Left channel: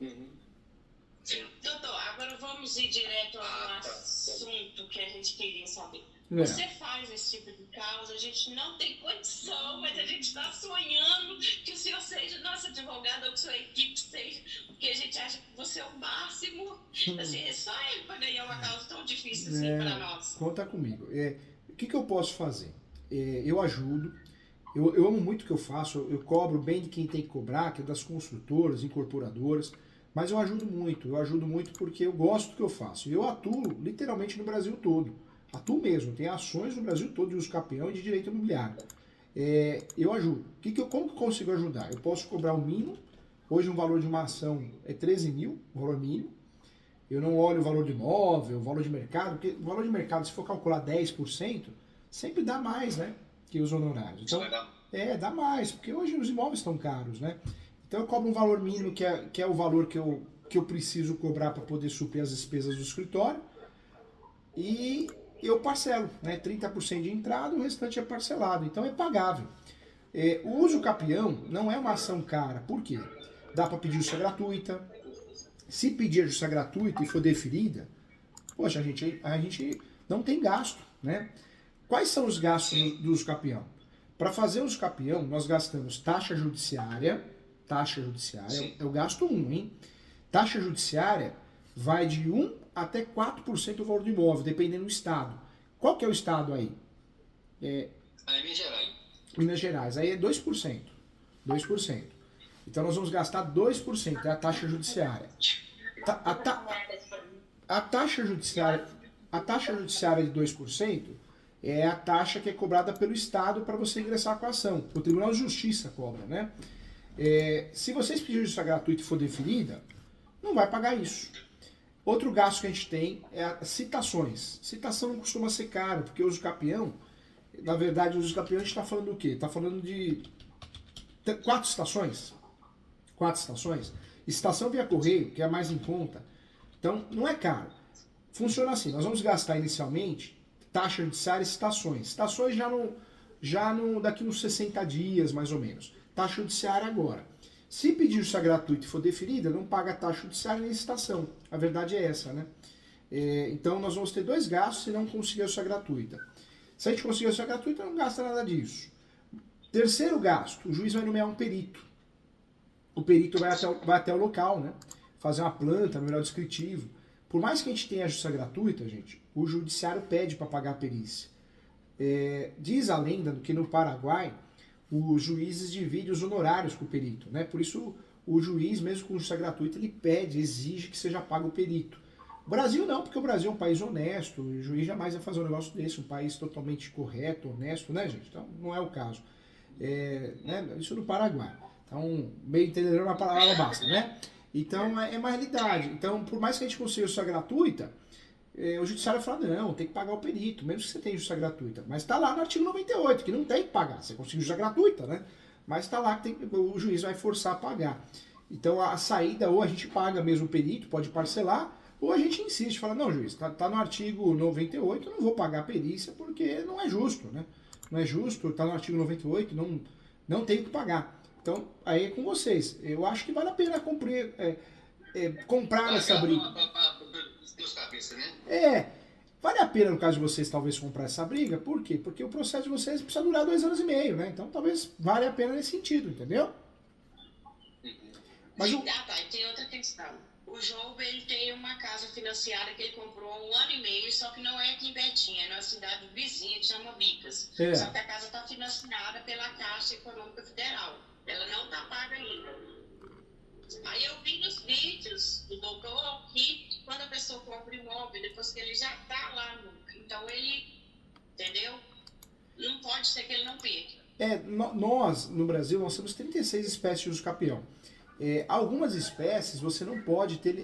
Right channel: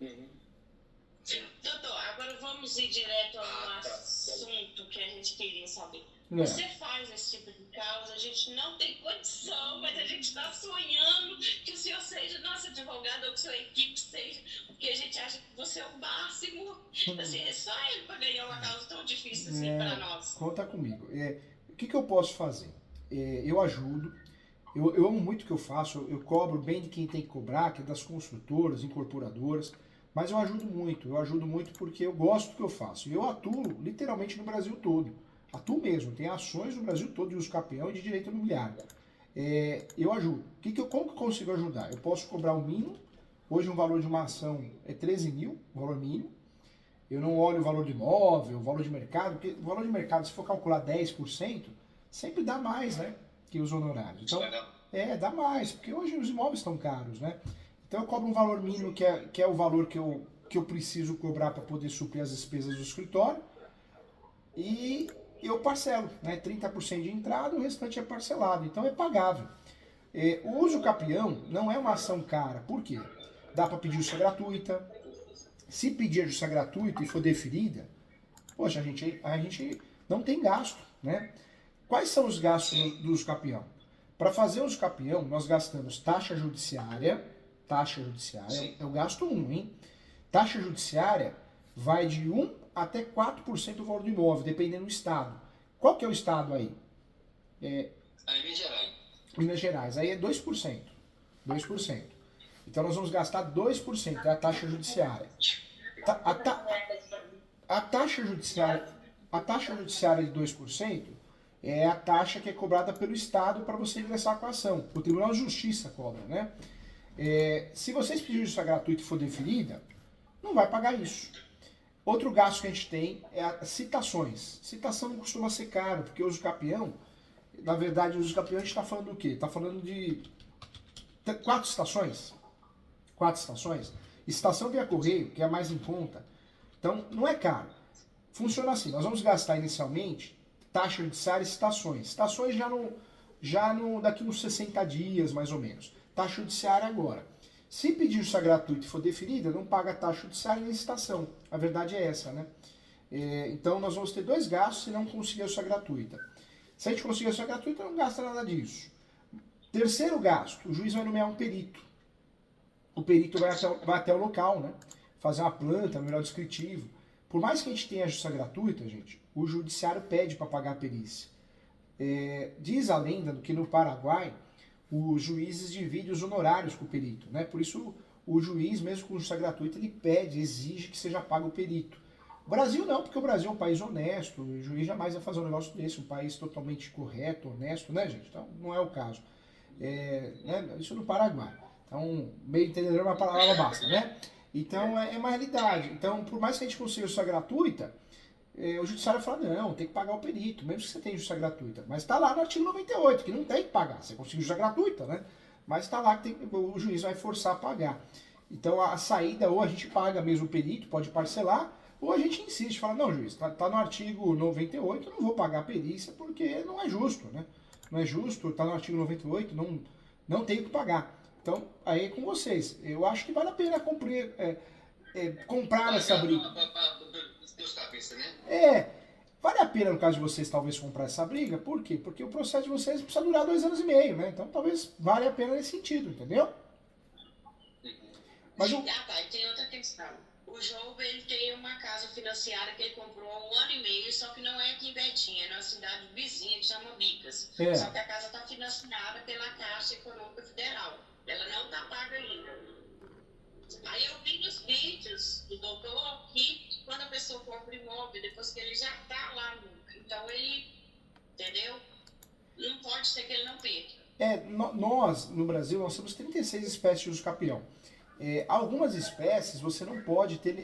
Uhum. Doutor, agora vamos ir direto ao Tá. assunto que a gente queria saber. É. Você faz esse tipo de causa, a gente não tem condição, mas a gente está sonhando que o senhor seja nosso advogado ou que sua equipe seja, porque a gente acha que você é o máximo. Assim, é só ele para ganhar uma causa tão difícil assim para nós. Conta comigo. O que eu posso fazer? Eu ajudo. Eu amo muito o que eu faço. Eu cobro bem de quem tem que cobrar, que é das construtoras, incorporadoras. Mas eu ajudo muito. Eu ajudo muito porque eu gosto do que eu faço. E eu atuo literalmente no Brasil todo. Atuo mesmo. Tem ações no Brasil todo de uso capião e de direito imobiliário. Eu ajudo. Como que eu consigo ajudar? Eu posso cobrar o mínimo. Hoje o valor de uma ação é 13 mil, o valor mínimo. Eu não olho o valor de imóvel, o valor de mercado, porque o valor de mercado, se for calcular 10%, sempre dá mais, né? Que os honorários. Então, dá mais, porque hoje os imóveis estão caros, né? Então eu cobro um valor mínimo, que é o valor que eu preciso cobrar para poder suprir as despesas do escritório. E eu parcelo, né? 30% de entrada, o restante é parcelado. Então é pagável. O uso capião não é uma ação cara. Por quê? Dá para pedir justiça gratuita. Se pedir a justiça gratuita e for deferida, poxa, a gente não tem gasto, né? Quais são os gastos do uso capião? Para fazer o uso capião, nós gastamos taxa judiciária é o gasto 1, hein? Taxa judiciária vai de 1 até 4% do valor do imóvel, dependendo do estado. Qual que é o estado aí? Minas Gerais. Minas Gerais, aí é 2%. 2%. Então nós vamos gastar 2%, é a taxa judiciária. A taxa judiciária de 2% é a taxa que é cobrada pelo Estado para você ingressar com a ação. O Tribunal de Justiça cobra, né? Se vocês pedirem justiça gratuita e for deferida, não vai pagar isso. Outro gasto que a gente tem é as citações. Citação não costuma ser caro, porque o uso capião, na verdade, o uso capião a gente está falando do quê? Está falando de 4 estações. 4 estações. Estação via correio, que é a mais em conta. Então, não é caro. Funciona assim, nós vamos gastar inicialmente taxa judiciária e citações. Citações daqui uns 60 dias, mais ou menos. Taxa judiciária agora. Se pedir justiça gratuita e for deferida, não paga taxa judiciária nem citação. A verdade é essa, né? Então, nós vamos ter 2 gastos se não conseguir a justiça gratuita. Se a gente conseguir a justiça gratuita, não gasta nada disso. Terceiro gasto, o juiz vai nomear um perito. O perito vai até o local, né? Fazer uma planta, melhor descritivo. Por mais que a gente tenha a justiça gratuita, gente, o judiciário pede para pagar a perícia. Diz a lenda que no Paraguai, os juízes dividem os honorários com o perito, né? Por isso, o juiz, mesmo com justiça gratuita, ele exige que seja pago o perito. O Brasil não, porque o Brasil é um país honesto, o juiz jamais vai fazer um negócio desse, um país totalmente correto, honesto, né, gente? Então, não é o caso. Né? Isso no Paraguai. Então, meio entendedor, uma palavra basta, né? Então, é uma realidade. Então, por mais que a gente consiga justiça gratuita, o judiciário fala, não, tem que pagar o perito, mesmo que você tenha justiça gratuita. Mas está lá no artigo 98, que não tem que pagar. Você conseguiu justiça gratuita, né? Mas está lá que o juiz vai forçar a pagar. Então, a saída, ou a gente paga mesmo o perito, pode parcelar, ou a gente insiste, fala, não, juiz, tá no artigo 98, eu não vou pagar a perícia porque não é justo, né? Não é justo, tá no artigo 98, não tenho que pagar. Então, aí é com vocês. Eu acho que vale a pena comprar essa briga. Vale a pena, no caso de vocês, talvez comprar essa briga. Por quê? Porque o processo de vocês precisa durar 2 anos e meio, né? Então, talvez valha a pena nesse sentido, entendeu? Mas e tem outra questão. O João, ele tem uma casa financiada que ele comprou há 1 ano e meio, só que não é aqui em Betim, é numa cidade vizinha que chama Bicas. Só que a casa está financiada pela Caixa Econômica Federal. Ela não está paga ainda. Aí eu vi nos vídeos do doutor que quando a pessoa compra imóvel, depois que ele já está lá, então ele, entendeu? Não pode ser que ele não perca. Nós, no Brasil, nós temos 36 espécies de uso capião. Algumas espécies você não pode ter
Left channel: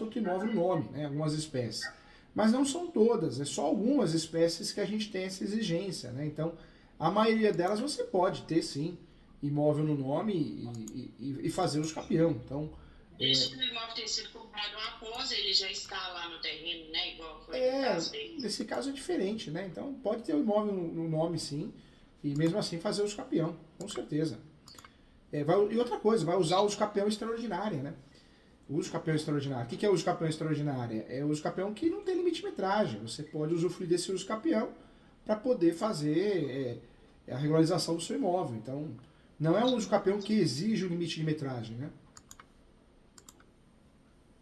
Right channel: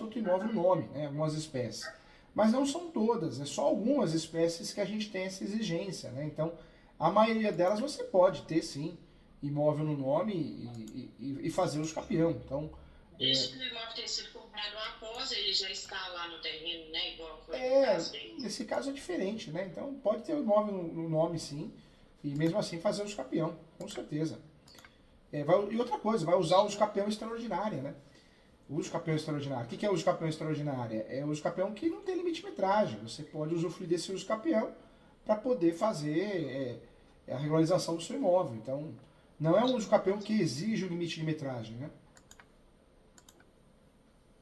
outro imóvel no nome, né? Algumas espécies. Mas não são todas, é só algumas espécies que a gente tem essa exigência, né? Então, a maioria delas você pode ter, sim, imóvel no nome e fazer uso capião. Então, desde que o imóvel tenha sido comprado após, ele já está lá no terreno, né? Igual foi nesse caso é diferente, né? Então, pode ter o imóvel no nome, sim, e mesmo assim fazer uso capião, com certeza. E outra coisa, vai usar o uso capião extraordinária, né? O uso capião extraordinário. O que é o uso capião extraordinária? É o uso capião que não tem limite de metragem. Você pode usufruir desse uso capião para poder fazer a regularização do seu imóvel. Então, não é um uso capião que exige o limite de metragem, né?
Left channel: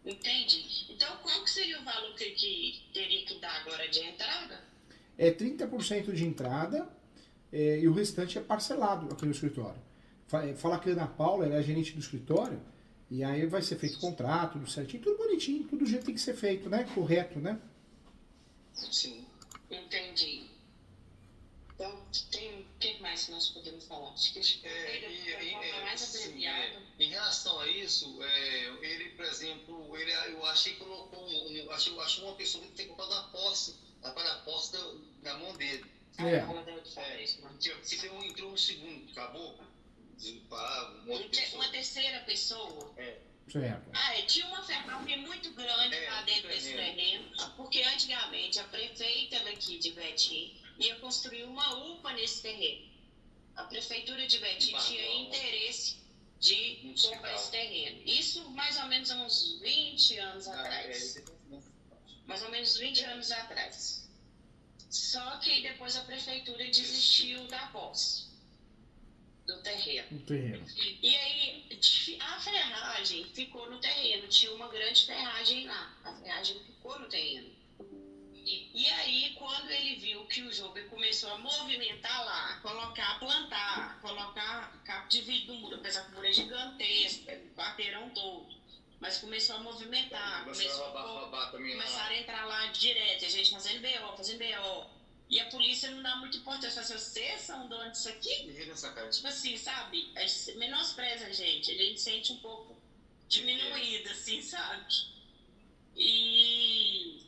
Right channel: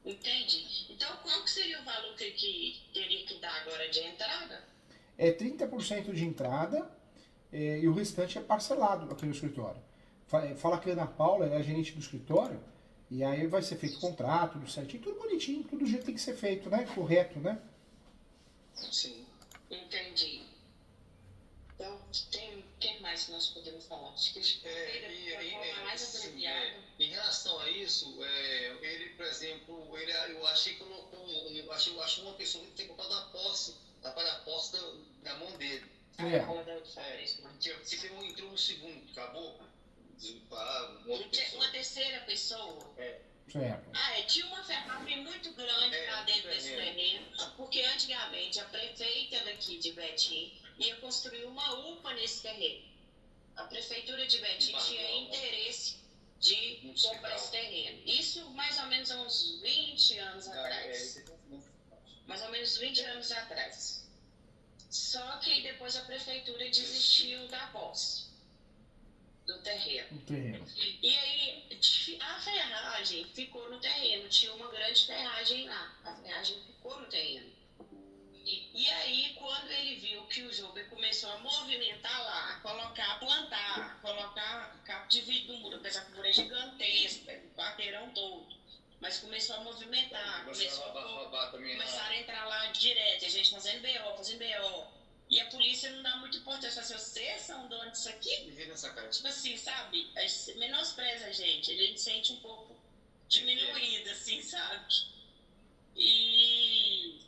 Entendi. Então, qual que seria o valor que teria que dar agora de entrada? É 30% de entrada e o restante é parcelado aqui no escritório. Fala que a Ana Paula ela é a gerente do escritório e aí vai ser feito contrato, tudo certinho, tudo bonitinho, tudo do jeito que tem que ser feito, né? Correto, né? Sim. Entendi. Então, o que mais nós podemos falar? Acho que mais abreviado. Em relação a isso, ele, por exemplo, eu achei que colocou, eu acho uma pessoa que tem colocado a posse na mão dele. Se não entrou no segundo, acabou? Uma terceira pessoa? Certo. Tinha uma ferramenta muito grande lá dentro desse terreno, porque antigamente a prefeita daqui de Betim ia construir uma UPA nesse terreno. A prefeitura de Betim tinha interesse de comprar esse terreno. Isso mais ou menos há uns 20 anos atrás. Mais ou menos 20 anos atrás. Só que depois a prefeitura desistiu da posse do terreno. E aí a ferragem ficou no terreno. Tinha uma grande ferragem lá. A ferragem ficou no terreno. E aí, quando ele viu que o João começou a movimentar lá, plantar, colocar capo de vidro no muro, apesar que o muro é gigantesco, o quarteirão todo, mas começou a movimentar, começaram a entrar lá direto, a gente fazendo BO, e a polícia não dá muita importância, vocês são donos disso aqui? Tipo assim, sabe, menospreza a gente sente um pouco diminuído, assim, sabe? E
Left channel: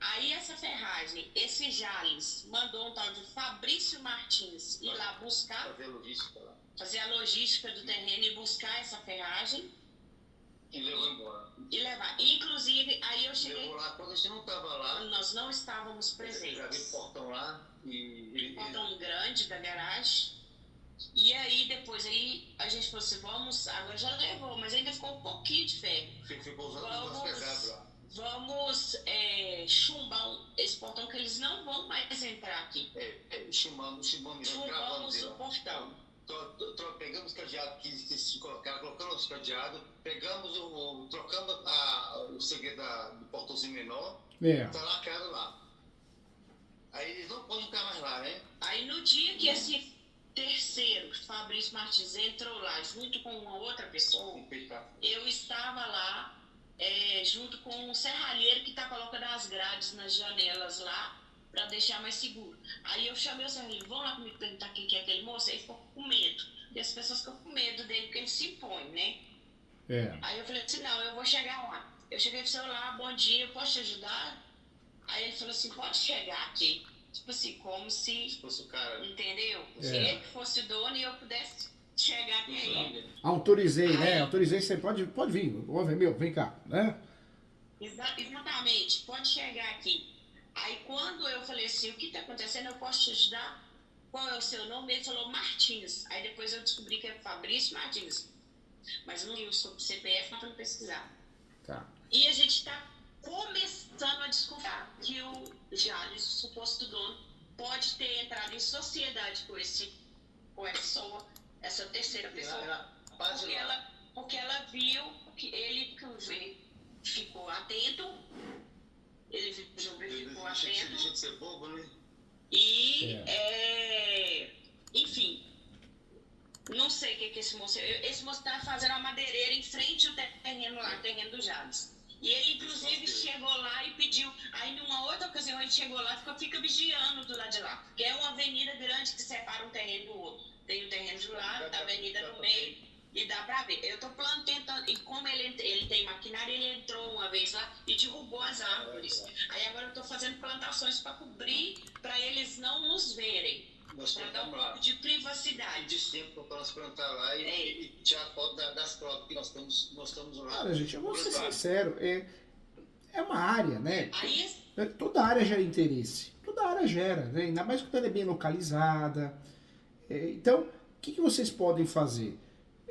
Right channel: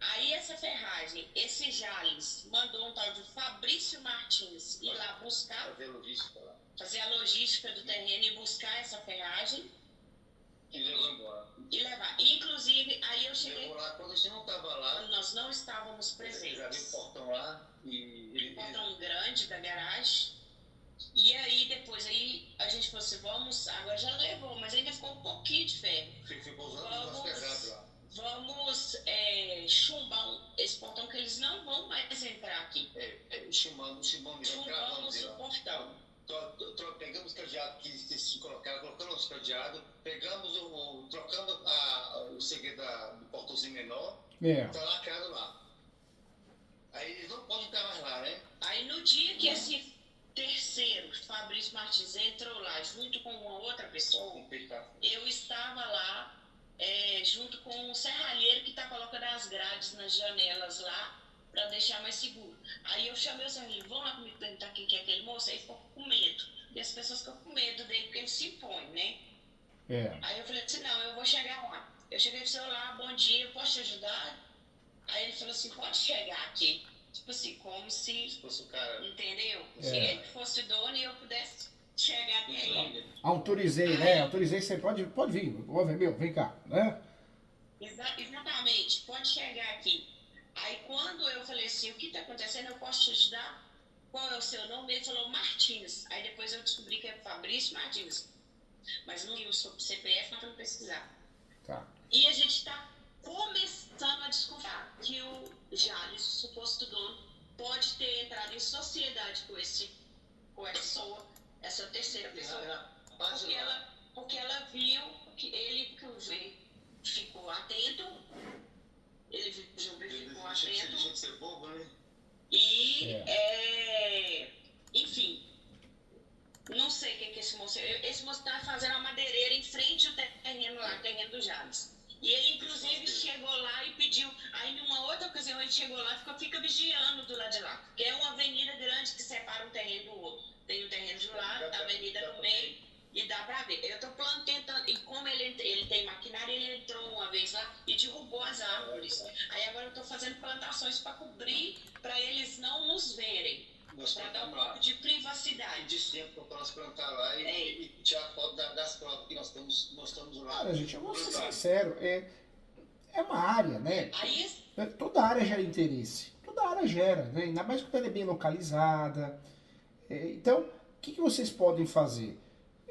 aí essa ferragem, esse Jales, mandou um tal de Fabrício Martins ir lá buscar, fazer a logística do terreno e buscar essa ferragem. E levou embora. E levar. Inclusive, aí eu cheguei. Levou lá quando a gente não estava lá. Nós não estávamos presentes. Já vi o portão lá e. Portão grande da garagem. E aí depois a gente falou assim, vamos, agora já levou, mas ainda ficou um pouquinho de ferro. Ficou usando os nossos pesados lá. Vamos chumbar esse portão que eles não vão mais entrar aqui. Chumbamos o portão. Pegamos o cadeado que se colocaram, colocamos o cadeado, trocamos o segredo do portãozinho menor, tá lacrado lá. Aí eles não podem entrar mais lá, né? Aí no dia que esse terceiro, Fabrício Martins, entrou lá junto com uma outra pessoa, eu estava lá junto com um serralheiro que está colocando as grades nas janelas lá, para deixar mais seguro. Aí eu chamei o serralheiro, vão lá comigo perguntar quem que é aquele moço, aí ficou com medo. E as pessoas ficam com medo dele, porque ele se impõe, né? Aí eu falei assim, não, eu vou chegar lá. Eu cheguei pro celular, bom dia, eu posso te ajudar? Aí ele falou assim, pode chegar aqui. Tipo assim, como se fosse o cara. Entendeu? Se ele fosse dono e eu pudesse chegar até aí. Autorizei, né? Autorizei, você pode vir. Vem cá, né? Exatamente, pode chegar aqui. Aí quando eu falei assim, o que está acontecendo, eu posso te ajudar? Qual é o seu nome? Ele falou Martins. Aí depois eu descobri que é Fabrício Martins. Mas não li o CPF para não pesquisar. Tá. E a gente está começando a desconfiar que o Jales, o suposto dono, pode ter entrado em sociedade com essa terceira pessoa. Porque ela viu que ele ficou atento. Ele ficou atento. Deixa de ser bobo, né? E, enfim, não sei o que esse moço... Esse moço está fazendo uma madeireira em frente ao terreno lá, o terreno do Jales. E ele, inclusive, chegou lá e pediu... Aí, numa outra ocasião, ele chegou lá e fica vigiando do lado de lá. Porque é uma avenida grande que separa um terreno do outro. Tem o terreno do lado, a avenida no meio... E dá pra ver. Eu tô tentando. E como ele tem maquinário, ele entrou uma vez lá e derrubou as árvores. Aí agora eu tô fazendo plantações pra cobrir, pra eles não nos verem. Pra dar um pouco de privacidade. E de tempo pra nós plantar lá e tirar foto das provas que nós estamos lá. Cara, gente, eu vou ser sincero. É uma área, né? Aí, toda área gera interesse. Toda área gera, né? Ainda mais quando ela é bem localizada. Então, o que vocês podem fazer?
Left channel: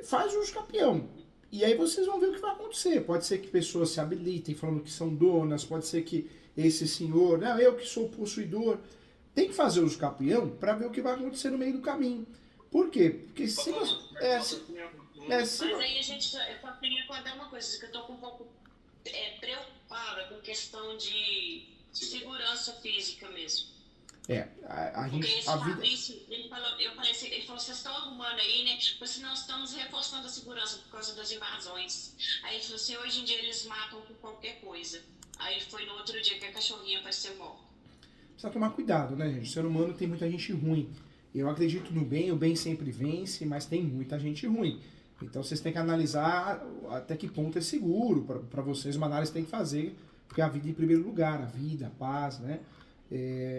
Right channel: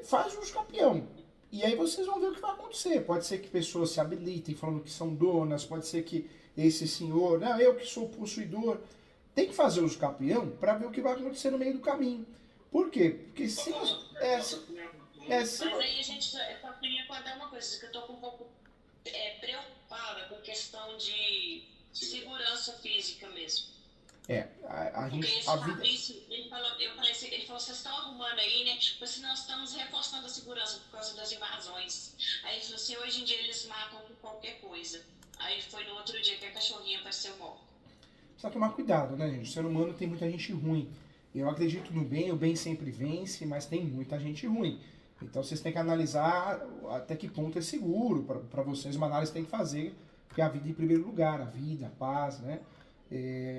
faz uso capião. E aí vocês vão ver o que vai acontecer. Pode ser que pessoas se habilitem falando que são donas, pode ser que esse senhor, não, eu que sou possuidor, tem que fazer uso capião para ver o que vai acontecer no meio do caminho. Por quê? Porque se você... Mas aí a gente, eu só queria contar uma coisa, que eu tô com um pouco preocupada com questão de segurança física mesmo. A gente... Ele falou, vocês estão arrumando aí, né? Porque nós estamos reforçando a segurança por causa das invasões. Aí ele falou assim, hoje em dia eles matam com qualquer coisa. Aí foi no outro dia que a cachorrinha apareceu morta. Precisa tomar cuidado, né, gente? O ser humano tem muita gente ruim. Eu acredito no bem, o bem sempre vence, mas tem muita gente ruim. Então vocês têm que analisar até que ponto é seguro para vocês. Uma análise tem que fazer, porque a vida em primeiro lugar, a vida, a paz, né?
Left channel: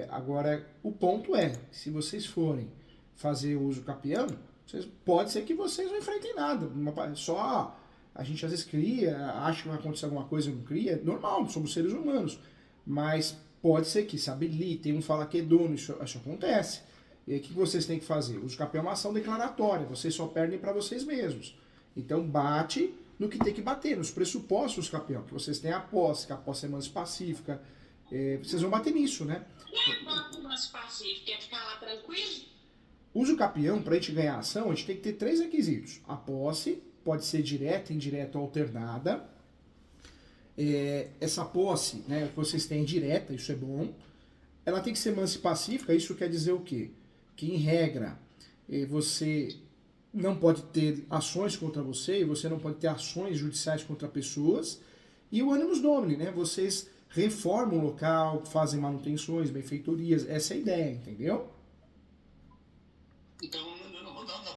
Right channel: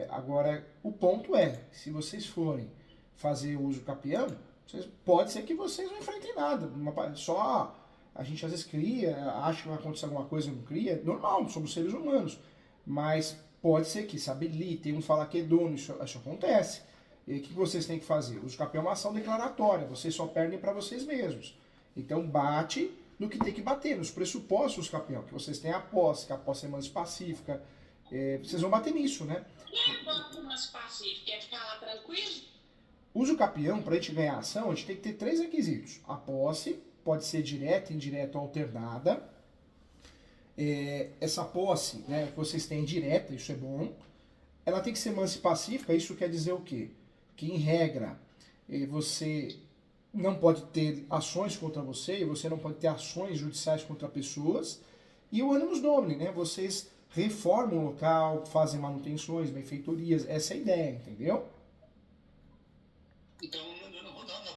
Agora, o ponto é, se vocês forem fazer uso capião, pode ser que vocês não enfrentem nada. Só a gente às vezes cria, acha que vai acontecer alguma coisa e não cria. Normal, somos seres humanos. Mas pode ser que se habilitem, um fala que é dono, isso acontece. E aí, o que vocês têm que fazer? O uso capião é uma ação declaratória, vocês só perdem para vocês mesmos. Então bate no que tem que bater, nos pressupostos capião, que vocês têm a posse, que a posse é mais pacífica. Vocês vão bater nisso, né? E quanto mais pacífico, quer ficar lá tranquilo? Uso capião, para a gente ganhar ação, a gente tem que ter 3 requisitos. A posse pode ser direta, indireta ou alternada. Essa posse, né, que vocês têm direta, isso é bom. Ela tem que ser mansa e pacífica, isso quer dizer o quê? Que, em regra, você não pode ter ações contra você, e você não pode ter ações judiciais contra pessoas. E o animus domini, né? Vocês reformam o local, fazem manutenções, benfeitorias, essa é a ideia, entendeu? Então